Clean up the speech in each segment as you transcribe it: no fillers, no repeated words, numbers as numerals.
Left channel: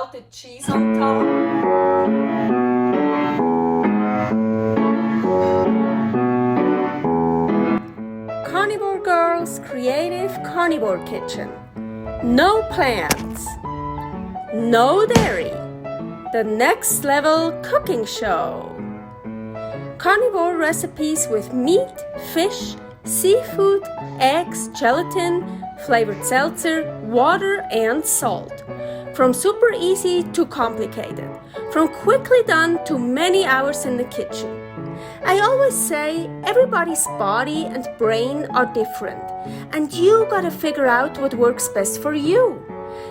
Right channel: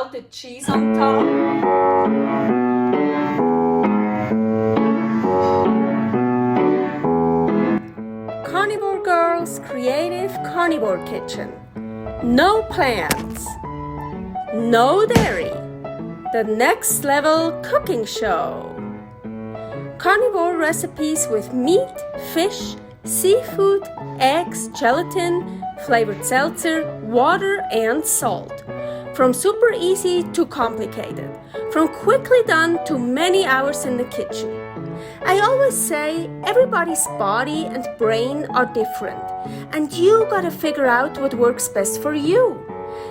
melted cheese on top. Carnivore Girl's Creative Carnivore Kitchen. No plants, no dairy, the next level cooking show. Carnivore recipes with meat, fish, seafood, eggs, gelatin, flavored seltzer, water and salt. From super easy to complicated, from quickly done to many hours in the kitchen. I always say everybody's body and brain are different, and you gotta figure out what works best for you.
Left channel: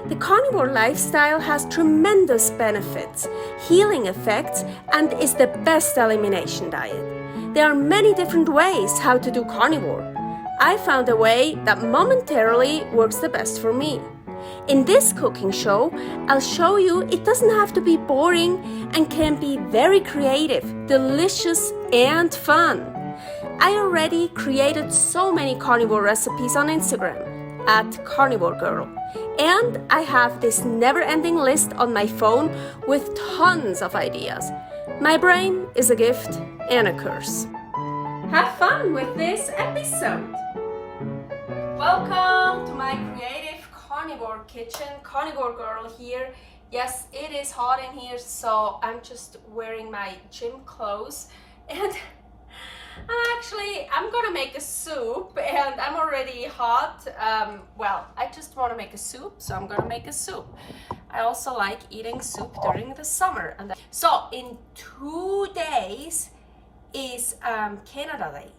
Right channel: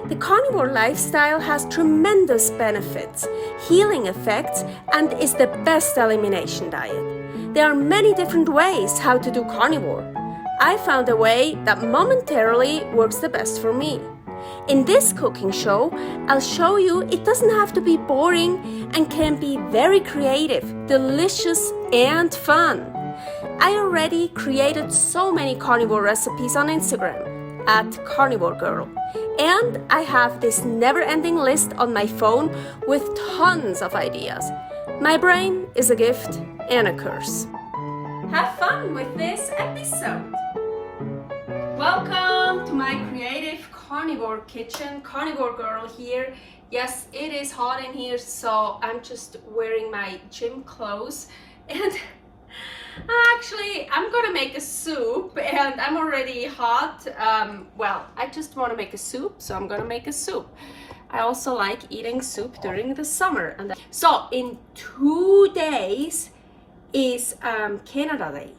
The carnivore lifestyle has tremendous benefits, healing effects, and is the best elimination diet. There are many different ways how to do carnivore. I found a way that momentarily works the best for me. In this cooking show, I'll show you it doesn't have to be boring and can be very creative, delicious, and fun. I already created so many carnivore recipes on Instagram at Carnivore Girl, and I have this never-ending list on my phone with tons of ideas. My brain is a gift and a curse. Have fun with this episode. Welcome to my creative carnivore kitchen. Carnivore Girl here. Yes, it is hot in here, so I'm just wearing my gym clothes, and actually I'm gonna make a soup, and I'm already hot. I just want to make a soup, so I'm gonna make a soup. I also like eating soup during the summer. So in 2 days is Canada Day.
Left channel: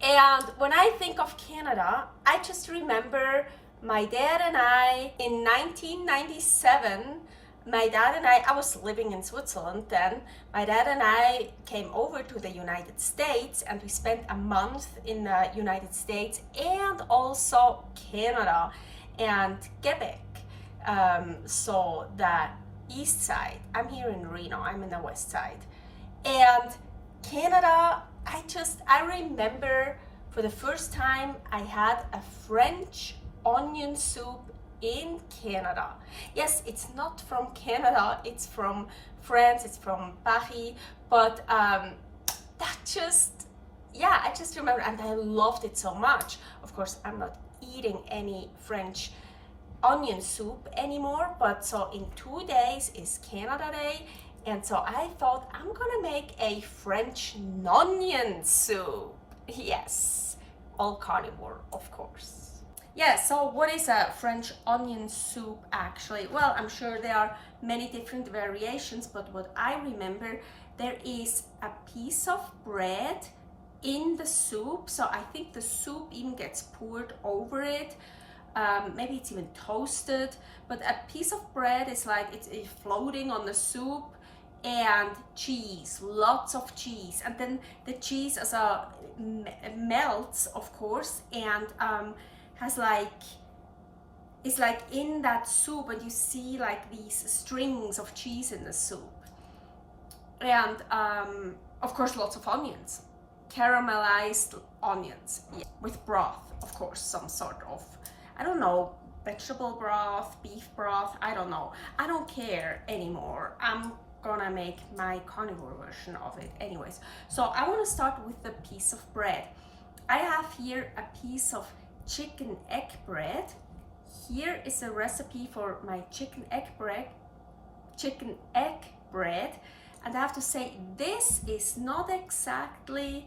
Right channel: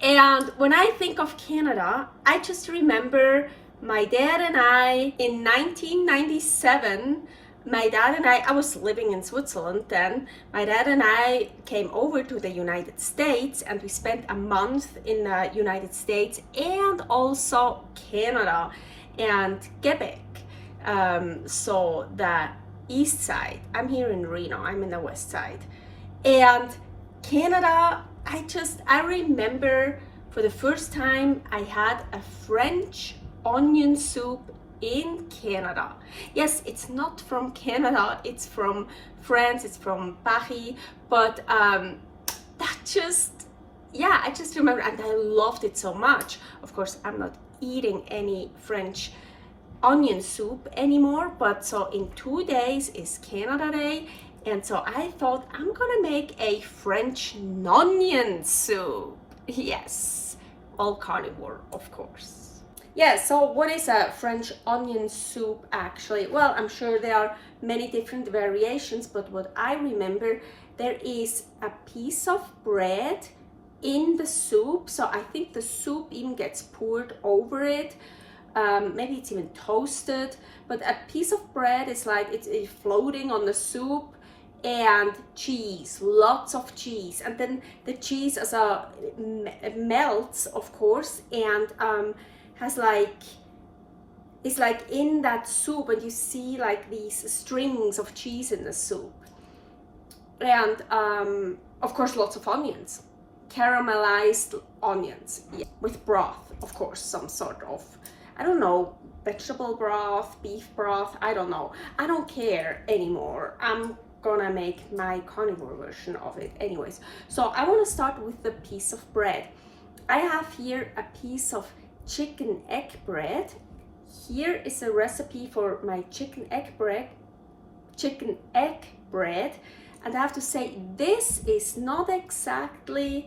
And when I think of Canada, I just remember my dad and I in 1997. I was living in Switzerland then. My dad and I came over to the United States, and we spent a month in the United States and also Canada and Quebec. So the east side. I'm here in Reno. I'm in the west side. And Canada, I remember for the first time I had a French onion soup in Canada. Yes, it's not from Canada, it's from France, it's from Paris, but I just remember, and I loved it so much. Of course, I'm not eating any French onion soup anymore, but so in 2 days is Canada Day, and so I thought I'm gonna make a French Nonion soup. Yes, all carnivore, of course. Yeah, so what is a French onion soup actually? Well, I'm sure there are many different variations, but what I remember, there is a piece of bread in the soup. So I think the soup even gets poured over it. Maybe it's even toasted, but a piece of bread is like it's floating on the soup, and cheese, lots of cheese, and then the cheese melts, of course, and it's like in that soup, and you see like these strings of cheese in the soup, and of course lots of onions, caramelized onions, yeah, with broth, of course, some sort of, I don't know, vegetable broth, beef broth, I don't know, I don't care anymore. I'm gonna make my carnivore version of it anyways. So I want to start with the piece of bread. I have here a piece of chicken egg bread. Here is a recipe for my chicken egg bread, and I have to say this is not exactly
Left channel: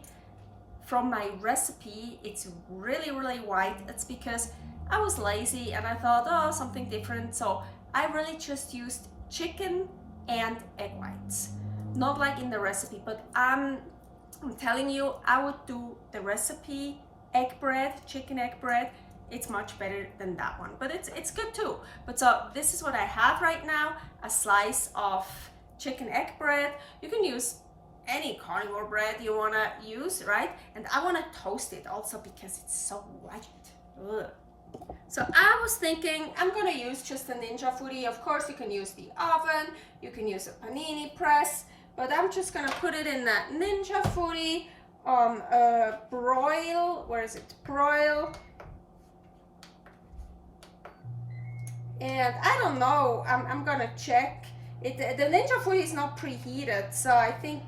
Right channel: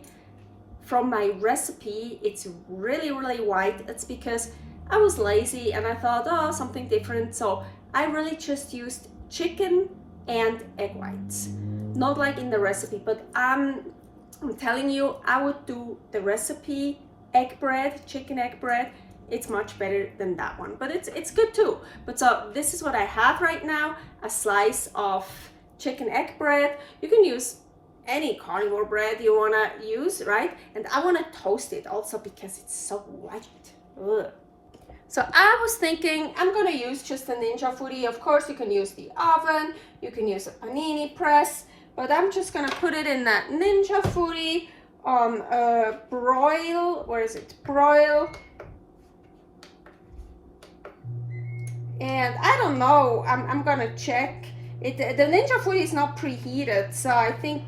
from my recipe. It's really white. It's because I was lazy and I thought, oh, something different, so I really just used chicken and egg whites, not like in the recipe, but I'm telling you, I would do the recipe egg bread, chicken egg bread. It's much better than that one, but it's good too. But so this is what I have right now, a slice of chicken egg bread. You can use any carnivore bread you wanna use, right? And I wanna toast it also because it's so white. Ugh. So I was thinking I'm gonna use just a Ninja Foodi. Of course, you can use the oven, you can use a panini press, but I'm just gonna put it in that Ninja Foodi broil. Where is it? Broil And I don't know, I'm gonna check. The Ninja food is not preheated, so I think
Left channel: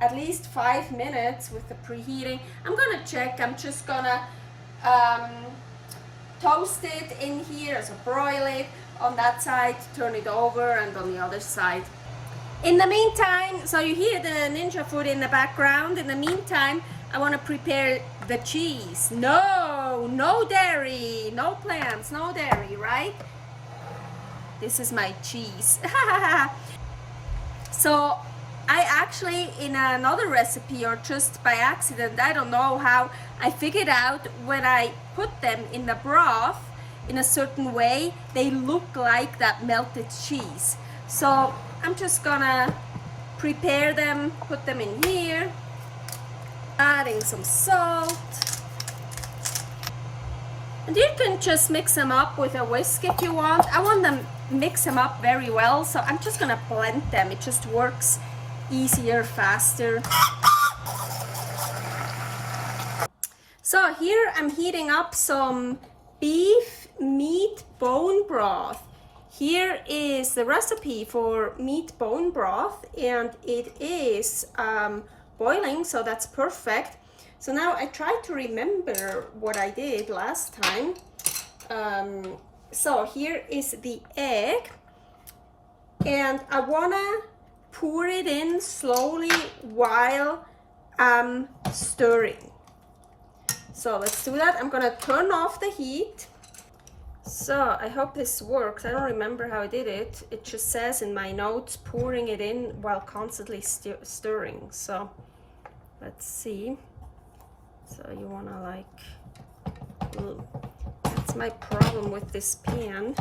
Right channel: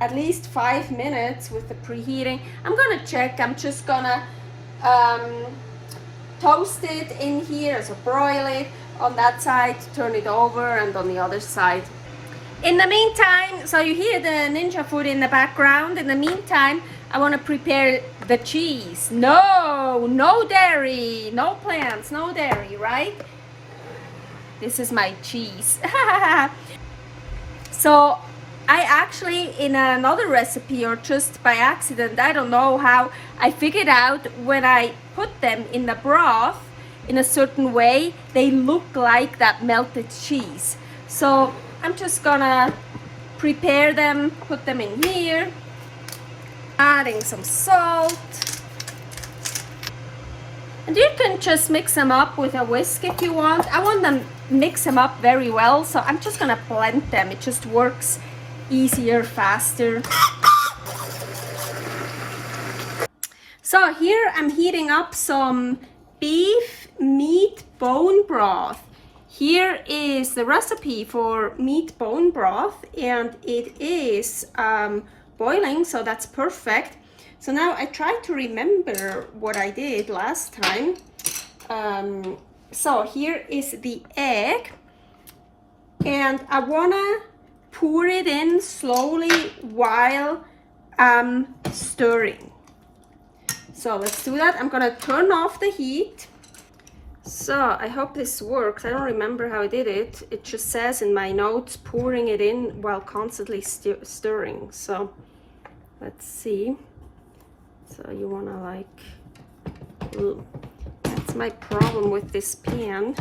at least 5 minutes with the preheating. I'm gonna check. I'm just gonna toast it in here, so broil it on that side, turn it over, and on the other side. In the meantime, so you hear the Ninja food in the background. In the meantime, I want to prepare the cheese. No dairy, no plants, no dairy, right? This is my cheese. So I actually, in another recipe, or just by accident, I don't know how, I figured out when I put them in the broth in a certain way, they look like that melted cheese. So I'm just gonna prepare them, put them in here, adding some salt. And you can just mix them up with a whisk if you want. I want them mix them up very well, so I'm just gonna blend them. It just works easier, faster. So here I'm heating up some beef meat bone broth. Here is the recipe for meat bone broth, and it is boiling, so that's perfect. So now I try to remember what I did last time. So here is the egg, and I wanna pour it in slowly while I'm stirring. So let's do that. I'm gonna turn off the heat. So I hope this works. I don't remember how I did it. It just says in my notes, pouring it in while constantly stirring. So let's see. So you wanna like, that's my problem with this pan.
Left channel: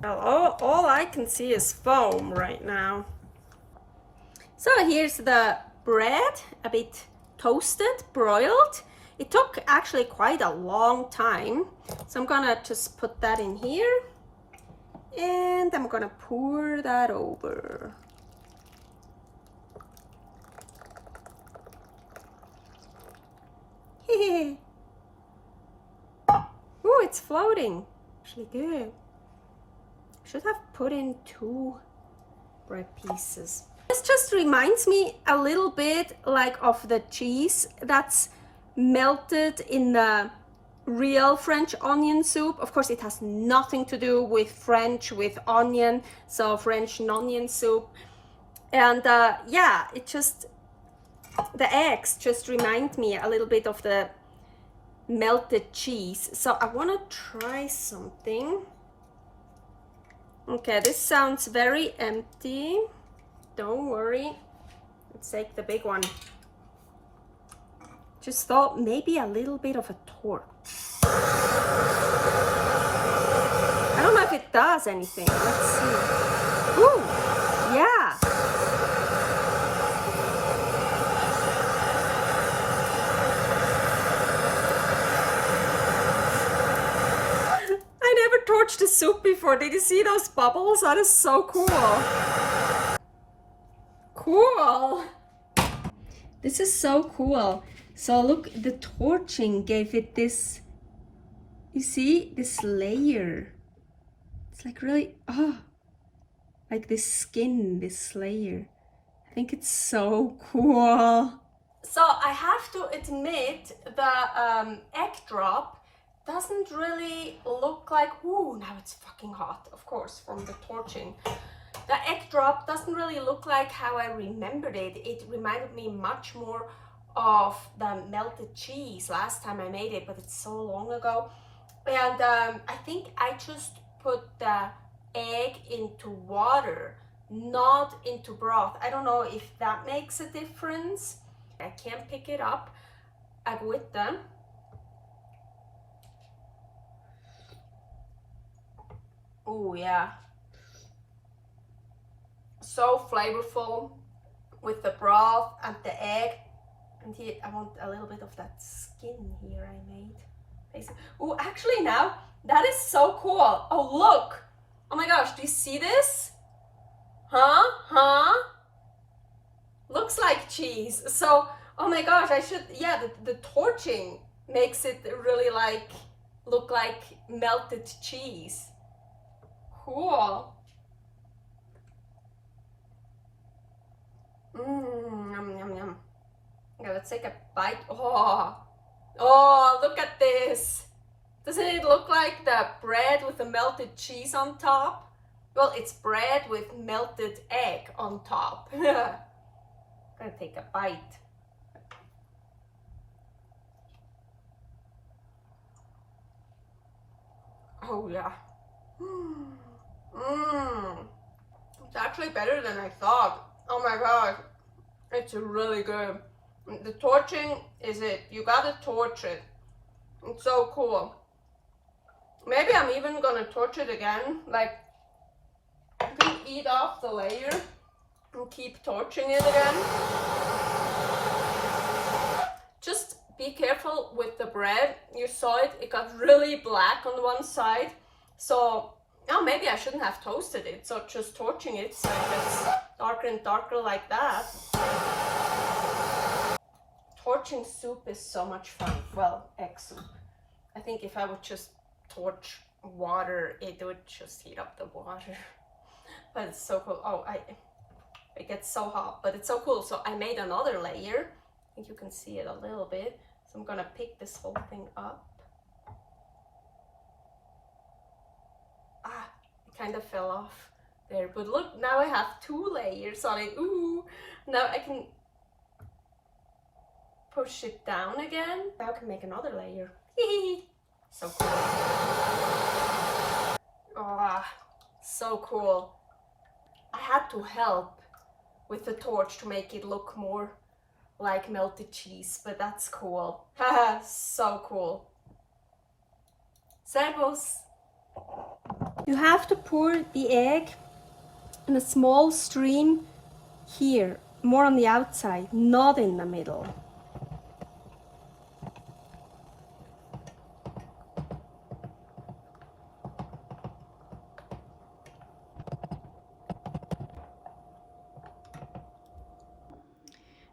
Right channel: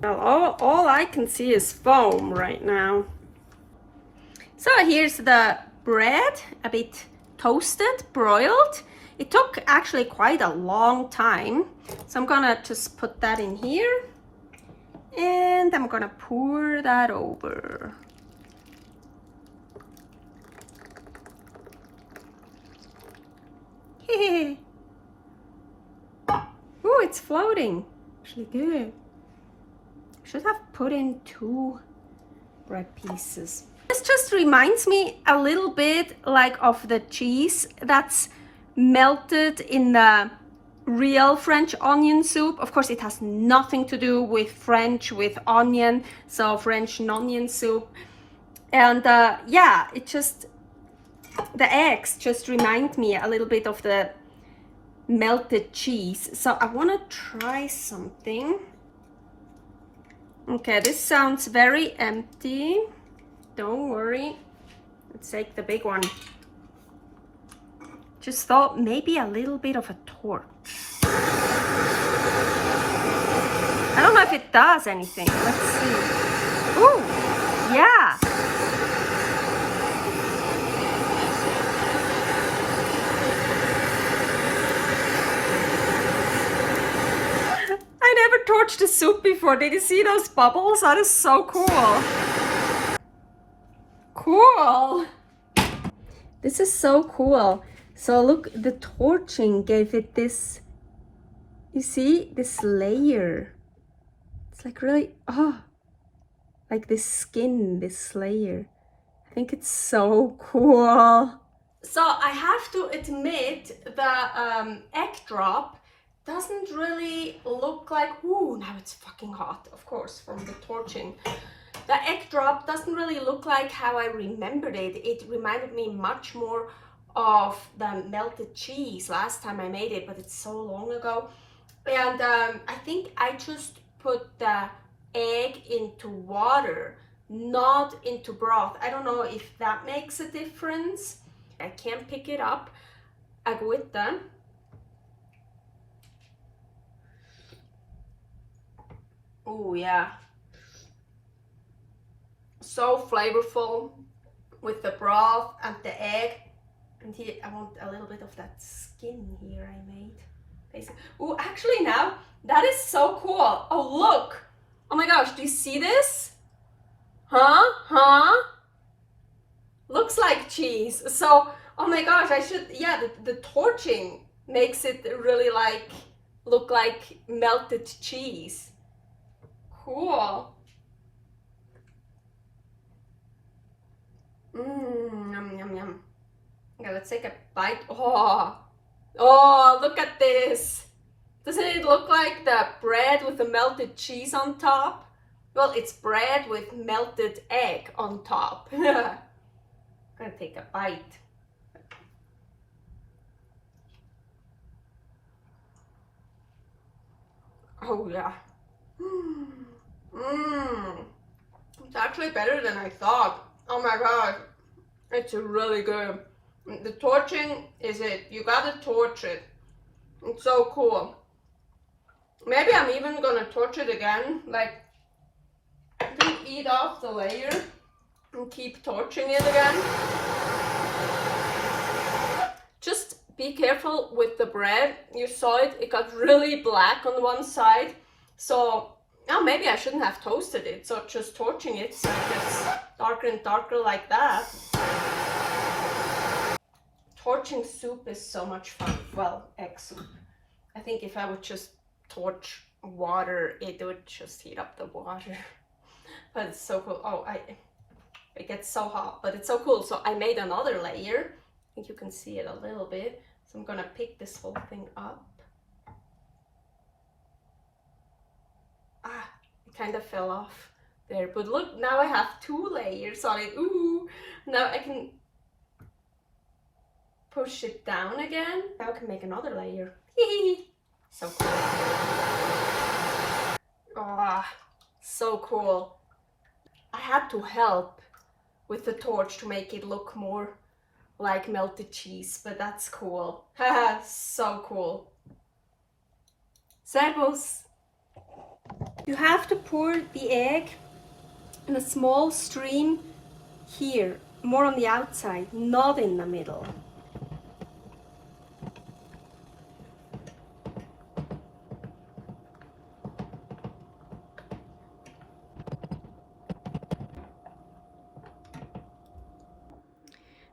Well, all I can see is foam right now. So here's the bread, a bit toasted, broiled. It took actually quite a long time. So I'm gonna just put that in here, and I'm gonna pour that over. Oh, it's floating. Actually good. Should have put in 2 bread pieces. This just reminds me a little bit like of the cheese that's melted in the real French onion soup. Of course, it has nothing to do with French, with onion, so French Nonion soup. And yeah, it just, the eggs just remind me a little bit of the melted cheese. So I want to try something. Okay, this sounds very empty. Don't worry. Let's take the big one. Just thought maybe a little bit of a torque. I don't know if it does anything. Let's see. Ooh, yeah. I never torched a soup before. Did you see those bubbles? That is so cool. Cool. This is so cool. So look, the torching gave it this, you see, this layer. It's like really, like this skin, this layer. I think it's so cool. So I have to admit the egg drop doesn't really look like, ooh, now it's fucking hot, of course, from the torching. The egg drop doesn't really look like how I remembered it. It reminded me much more of the melted cheese last time I made it, but it's so long ago. And I think I just put the egg into water, not into broth. I don't know if that makes a difference. I can't pick it up. Agüita. Oh yeah. So flavorful with the broth and the egg. And here I want a little bit of that skin here I made. Oh, actually now, that is so cool. Oh, look. Oh my gosh, do you see this? Huh? Looks like cheese. So Oh my gosh, I should, yeah, the torching makes it really like, look like melted cheese. Cool. Yum, yum, yum. Okay, let's take a bite. Oh, look at this. Doesn't it look like the bread with the melted cheese on top? Well, it's bread with melted egg on top. I'm gonna take a bite. Oh yeah. It's actually better than I thought. Oh my god. It's really good. The torching is it. You gotta torch it. It's so cool. Maybe I'm even gonna torch it again. Like, I can eat off the layer and keep torching it again. Just be careful with the bread. You saw it, it got really black on one side. So, oh, maybe I shouldn't have toasted it. So just torching it so it gets darker and darker like that. Torching soup is so much fun. Well, egg soup. I think if I would just torch water, it would just heat up the water. But it's so cool. Oh, it gets so hot, but it's so cool. So I made another layer. I think you can see it a little bit. So I'm gonna pick this whole thing up. Ah, it kind of fell off there. But look, now I have 2 layers on it. Ooh, now I can push it down again. Now I can make another layer. So cool. Ah, so cool. I had to help with the torch to make it look more like melted cheese, but that's cool. Haha, so cool. Servus. You have to pour the egg in a small stream here, more on the outside, not in the middle.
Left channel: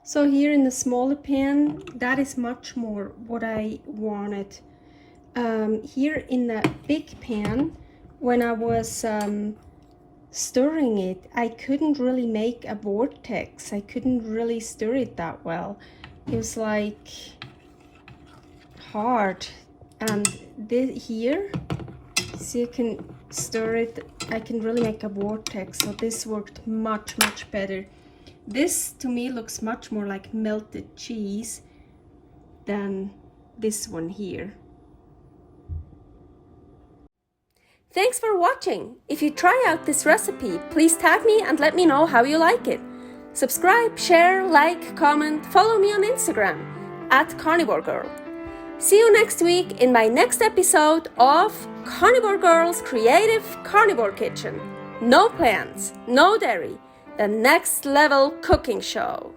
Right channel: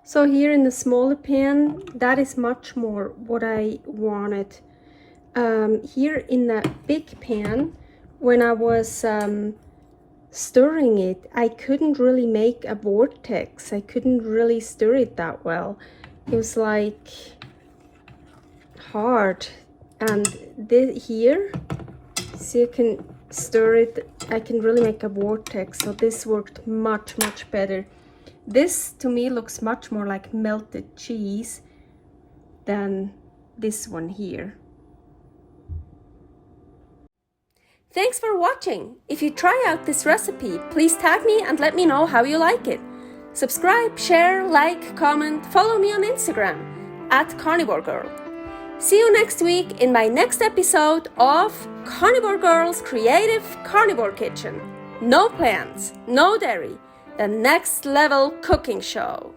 So here in the smaller pan, that is much more what I wanted. Here in the big pan, when I was stirring it, I couldn't really make a vortex. I couldn't really stir it that well. It was like hard. And here, so you can stir it, I can really make a vortex. So this worked much, much better. This to me looks much more like melted cheese than this one here. Thanks for watching. If you try out this recipe, please tag me and let me know how you like it. Subscribe, share, like, comment, follow me on Instagram @Carnivore Girl. See you next week in my next episode of Carnivore Girl's Creative Carnivore Kitchen. No plants, no dairy. The next level cooking show.